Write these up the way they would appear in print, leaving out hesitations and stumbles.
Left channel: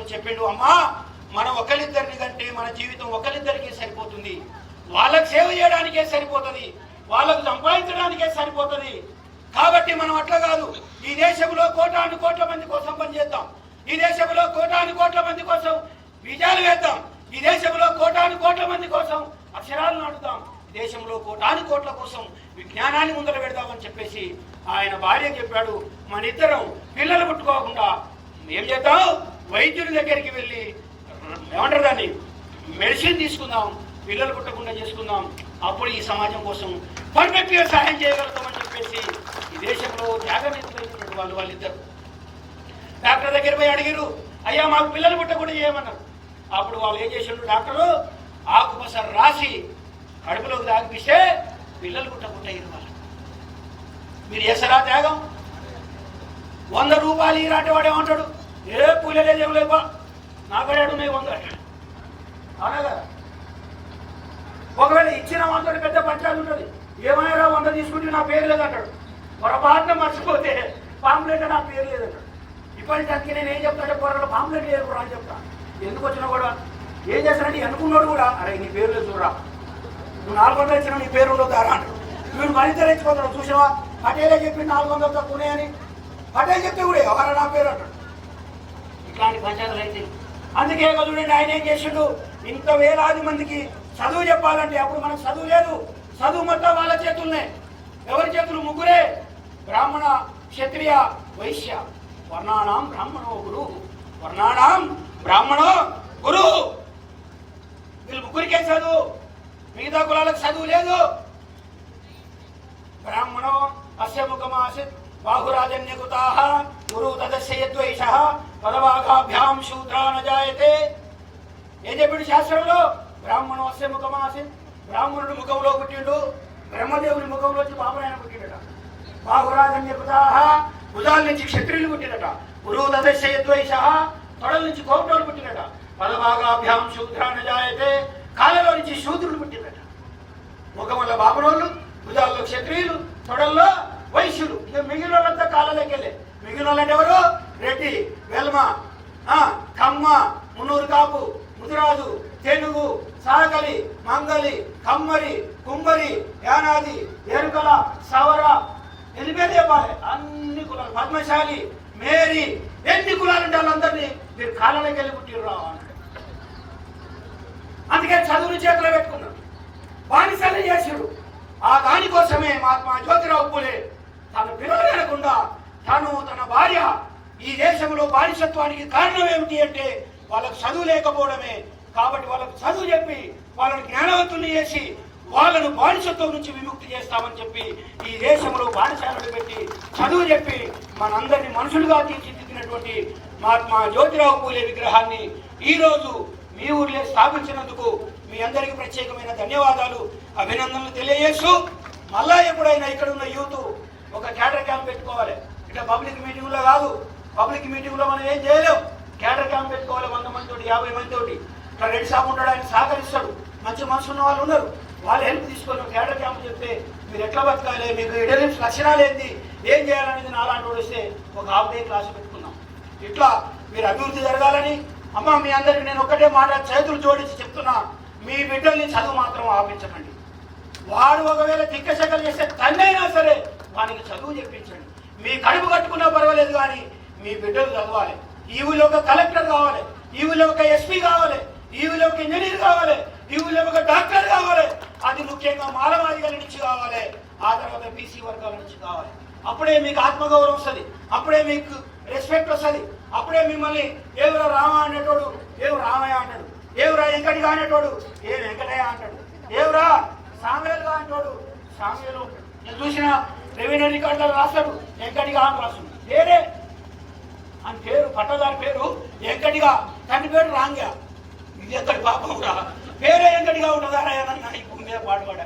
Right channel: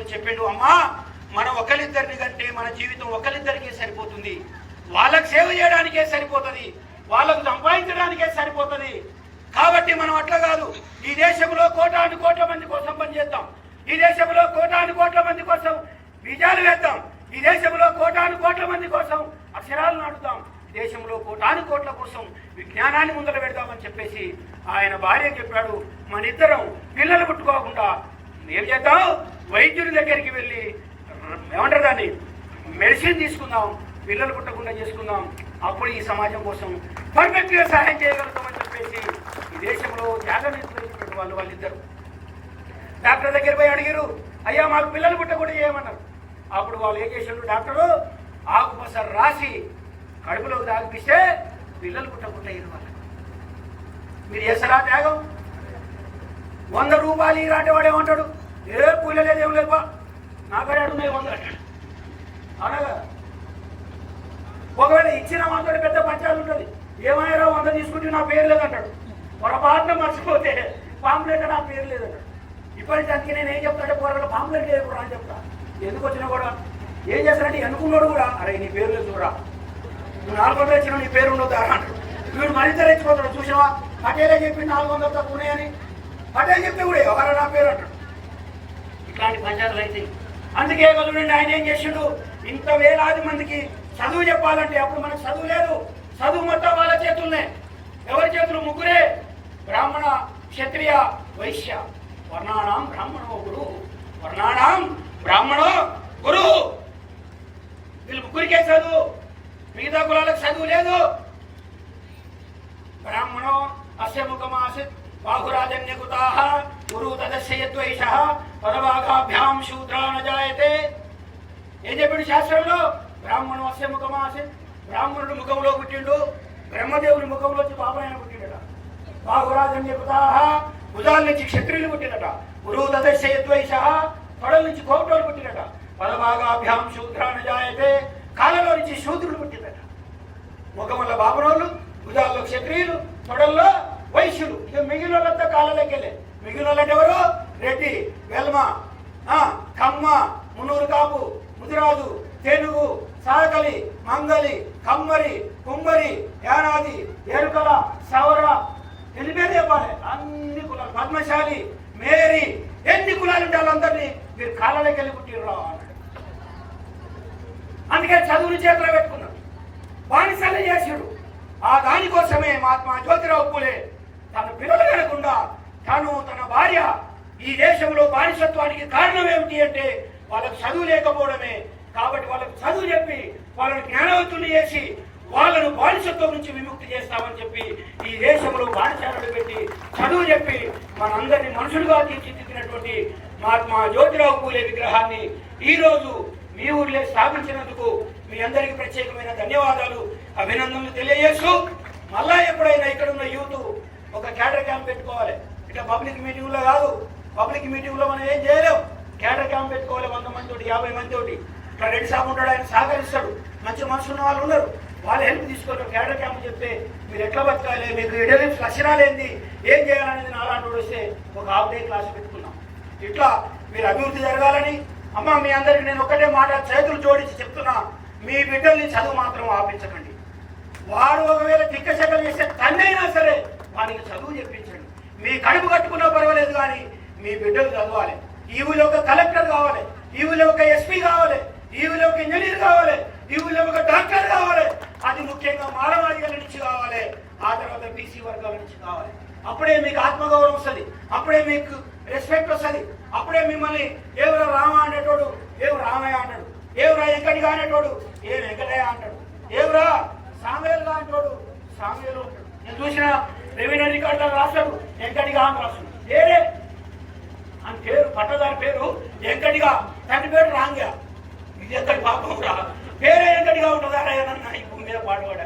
తీసుకొని చెప్పిండు, అమ్మా మనం ఒకరిద్దరిని కంటే మన జీవితం ఒకరిద్దరికే సరిపోతుంది, వాళ్ళకి సేవ చేయడానికే సరిపోతుంది, వాళ్ళకు సంపాదించడానికే సరిపోతుంది. కాబట్టి మనం అట్లా కాదు, ఈ దేశంలో కోటాను కోట్ల మంది కోసం పనిచేద్దాం, ఈ దేశంలో కోటాను కోట్ల మంది కోసం బీజాలు వేద్దాం, ఈ దేశంలో కోటాను కోట్ల మంది కోసం అక్షరాలు నాటుదాం, ఈ దేశంలో కోటాను కోట్ల కోసం విజ్ఞానాన్ని ముందర పెడదామని చెప్పేసి ఆయన భార్య చెప్పాడు. మన ఇద్దరం పిల్లలు పుట్టుకోకుండా ఏం చేద్దాం, వైద్యుడి దగ్గరికి వెళ్ళి ఏమంటారు దాన్ని మెడిసిన్ తీసుకుందాం, పిల్లలు పుట్టకుండా చేసుకుందాం, అప్పుడు ఈ సమాజం కోసం పర్ఫెక్ట్గా సహాయం చేయగలుగుతామని చెప్పేసి ఈ దేశంలో త్యాగం చేస్తున్న వాళ్ళిద్దరు డాక్టర్ దగ్గర పోయి అడిగారు, అయ్యా మాకు పిల్లలు పుట్టకుండా చేయమన్నారు. అప్పుడు వాళ్ళు ఏం చేశారు, డాక్టరు ఆకుపస రాసి కడుపులోకి తాగిపిస్తే పిల్లలు పుట్టకుండా అయ్యారు. వాళ్ళకి మీరు చేస్తారా త్యాగం? 100 రూపాయలు ఈరాటి వాడేమంటాడు, ఏ పూల లేదేం లేపా నాకడాడు మీ 100 అంటాడు. అనగా ఒకవేళ ఇచ్చిన వందడు పెద్ద పంచాలు ఉంటుంది, ఏమైనా 100 తీసుకుంటే నా పేరు లేదంటాడు. పొరపాటున మర్చిపోతే పాంప్లెట్ నా పేరు లేదంటాడు. ఇప్పటిదానికి నేను ఏం చెప్తాను, చెప్పారు పాంప్లెట్ లేదు కూడా అని చెప్తాను. ఎందుకు వచ్చినా కూడా ఏం చేస్తానంటే అనుకున్నాడు కూడా, అరే నీ పేరు లేదు చూడరా, నువ్వు 400 వచ్చినా నీ పేరు ఉండదు దారా అంటాడు. వీడు మరింత రెచ్చిపోతాడు, చూసినావా పటేలే చెప్పి 400 తక్కువ ఉన్నాయని, పటేల్ చెప్తే కూడా ఎవరా నా పేరు అంటాడు. ఇట్లాంటి పంచాయతీలు అయితే అందుకే చూడండి ఆయన ఏం చేసిండు, ఇంత వేలాది మందికి చదువు చెప్పాలంటే అప్పుడు మనకు చదువు లేదు, చదువు మొత్తం వాళ్ళ చేతుల్నే. ఎవరి చేతులు? ముగ్గురే, బ్రాహ్మణ క్షత్రియ వైశ్య. వర్ణానాం బ్రాహ్మణో గురు, వర్ణానాం బ్రాహ్మణో గురు. వీళ్ళు ముగ్గురికే చదువు, మిగతా కులాలకు చదువు లేదు. బ్రాహ్మణో అస్య ముఖమాసిత్ బాహురాజన్యకుతాః గురు తదస్య యద్వైషః పరవాగాభ్యాం శూద్రా న జాయతే. ఏం చెప్పాడు శాస్త్రంలో? బ్రాహ్మణో అస్య ముఖమాసిత్, బ్రాహ్మణుడు ముఖంలో పుట్టిండు, బ్రహ్మదేవుని ముఖంలో పాపరాయణ పుట్టిండట. బాహురాజన్యకుతాః, భుజాల నుంచి క్షత్రియులు పుట్టినట. గురు తదస్య యద్వైషః, తొడల నుంచి కోపటోలు పుట్టినట. పరవాగాభ్యాం శూద్రా న జాయతే, కాళ్ళలో నుంచి శూద్రుడు పుట్టినట. ముఖముల బాపనోళ్ళు, భుజాల్లో క్షత్రియులు, తొడల్లో వైశ్యులు. ఇక మిగిలిన వాళ్ళంతా కాళ్ళకెళ్ళే. మిగిలిన వాళ్ళంటే ఎవరు? రెడ్డి, వెల్మ, కమ్మ, మున్నూరు కాపు, ముదిరాజు, తెనుగు, సాగలి, మంగలి, కమ్మరి, కుమ్మరి, యానాది, ఎరుకల, సవర, ఎనిమిది చెప్పాలి. అన్ని కులాలు, పద్మశాలి, మేరీ, ఎన్ని కులాలు ఉంటే వాళ్ళందరినీ మీరు కాళ్ళకెళ్ళి పుట్టిరు. అందుకే చదువుని చేతిలో పెట్టుకున్నాడు, బానిసల్ని చేశాడు. ఆ దానికోసమే మహాత్మా జ్యోతిరావు పూలే తన పిల్లలు లేకుండా తను తన భార్య ఈ దేశంలో బానిసత్వానికి కారణం ఏమిటి అంటే వాళ్ళకు చదువు లేకపోవడమే. కాబట్టి వాళ్ళకు చదువు చెప్పి వాళ్ళని జ్ఞానవంతులు చేసి వాళ్ళను బానిసత్వం నుంచి విముక్తి చేస్తామని చెప్పి ఈ దేశంలో బానిసలను పెట్టి చదువు చెప్పి మనందరినీ మనుషులుగా తీర్చిదిద్దినటువంటి మహాత్మా జ్యోతిరావు పూలే విగ్రహాన్ని ఈ రోజు మీ ఊర్లో స్థాపించినందుకు మీ అందరికీ ప్రత్యేకమైన ధన్యవాదాలు, అభినందనలు తెలియజేస్తూ మళ్ళా ఎప్పుడైనా ఇక్కడ ఉన్న యూత్ ఒక క్యాడర్ క్యాంప్ పెట్టుకోవాలి. ఇట్లా పబ్లిక్ మీటింగ్ లో కాదు, పబ్లిక్ మీటింగ్ లో మనం ఏం చేయలేం. క్యాడర్ క్యాంప్ పెట్టుకోవాలి, 100 మంది తోటి, 50 మంది తోటి. ఇక్కడ రెడ్డి సాబ్ ఉంటాడు, ఆయన సహకరిస్తాడు, మంచి మనసు ఉన్న వాళ్ళు ఉన్నారు, వాళ్ళు హెల్ప్ తీసుకొని క్యాడర్ క్యాంప్ చెప్తే మీరు ఎట్లా బతకాలి, మీకు ఎడలిప్స్ లక్షణాలు ఏంది, ఏం చేయాలనేది నాలాంటి వస్తే ఒక హాఫ్ డే క్లాస్ పెట్టుకుందాం. ఇట్లా మీరు అభివృద్ధి జరగాలని. అమ్మ మీ అందరికి నేను ఒకటే మాట చేతులు జోడించి చెప్తున్నా, మీ బిడ్డల్ని చదువు మాత్రం ఆపించకండి. వాడు ఒకవేళ తిక్కశకలు చేస్తే తన్నైనా సరే వాడికి చదువు చెప్పించండి. మీ కడుపు కట్టుకున్నా పర్వాలేదు కానీ మీ బిడ్డలు చదవాలి. ఈ ఊళ్ళో ఒక కలెక్టర్ కావాలి, ఈ ఊళ్ళో ఒక ఎస్పీ కావాలి, ఈ ఊళ్ళో ఒక ఇంజనీర్ కావాలి, ఈ ఊళ్ళో ఒక డాక్టర్ కావాలి. అది ముఖ్యంగా మానవాళికల నుంచి కావాలి, ఆ తర్వాత బీసీ వర్గాల నుంచి కావాలి. అప్పుడే మీకు ఆత్మగౌరవం వస్తుంది, అప్పుడే మీకు రెస్పెక్ట్ వస్తుంది, అప్పుడే మిమ్మల్ని ఎవరు రామ అనేటోడు ఎవరు రామయ్య అంటాడు, ఎవరా వెంకటిగా అనేటోడు ఏ వెంకటయ్య అంటాడు, ఎవరా సామ్యులుగా అనేటోడు సామ్యులు. నేను చూసిన రెవెన్యూ రికార్డులు రాస్తాడు వెంకటిగా అని రాస్తుంది, వేరే అని పేరు పట్టదారి పేరు వెంకటిగా, తండ్రి పేరు రాంగా. ఇది ఎక్కడి పాపం రా, పేరే వెంకటిగా ఉంటుందా ఏదన్నా ఈ భూమి మీద పాటుపడ.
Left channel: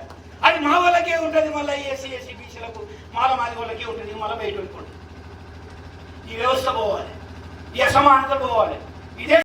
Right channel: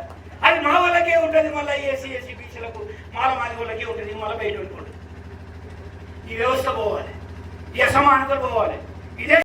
అది మా వాళ్ళకే ఉంటుంది, మళ్ళీ ఎస్సీ ఎస్సీ బీసీలకు మాలమాది వాళ్ళకే ఉంటుంది, మళ్ళీ బయట ఉంటుంది. ఈ వ్యవస్థ పోవాలి, ఈ అసమానత పోవాలి. ఇదే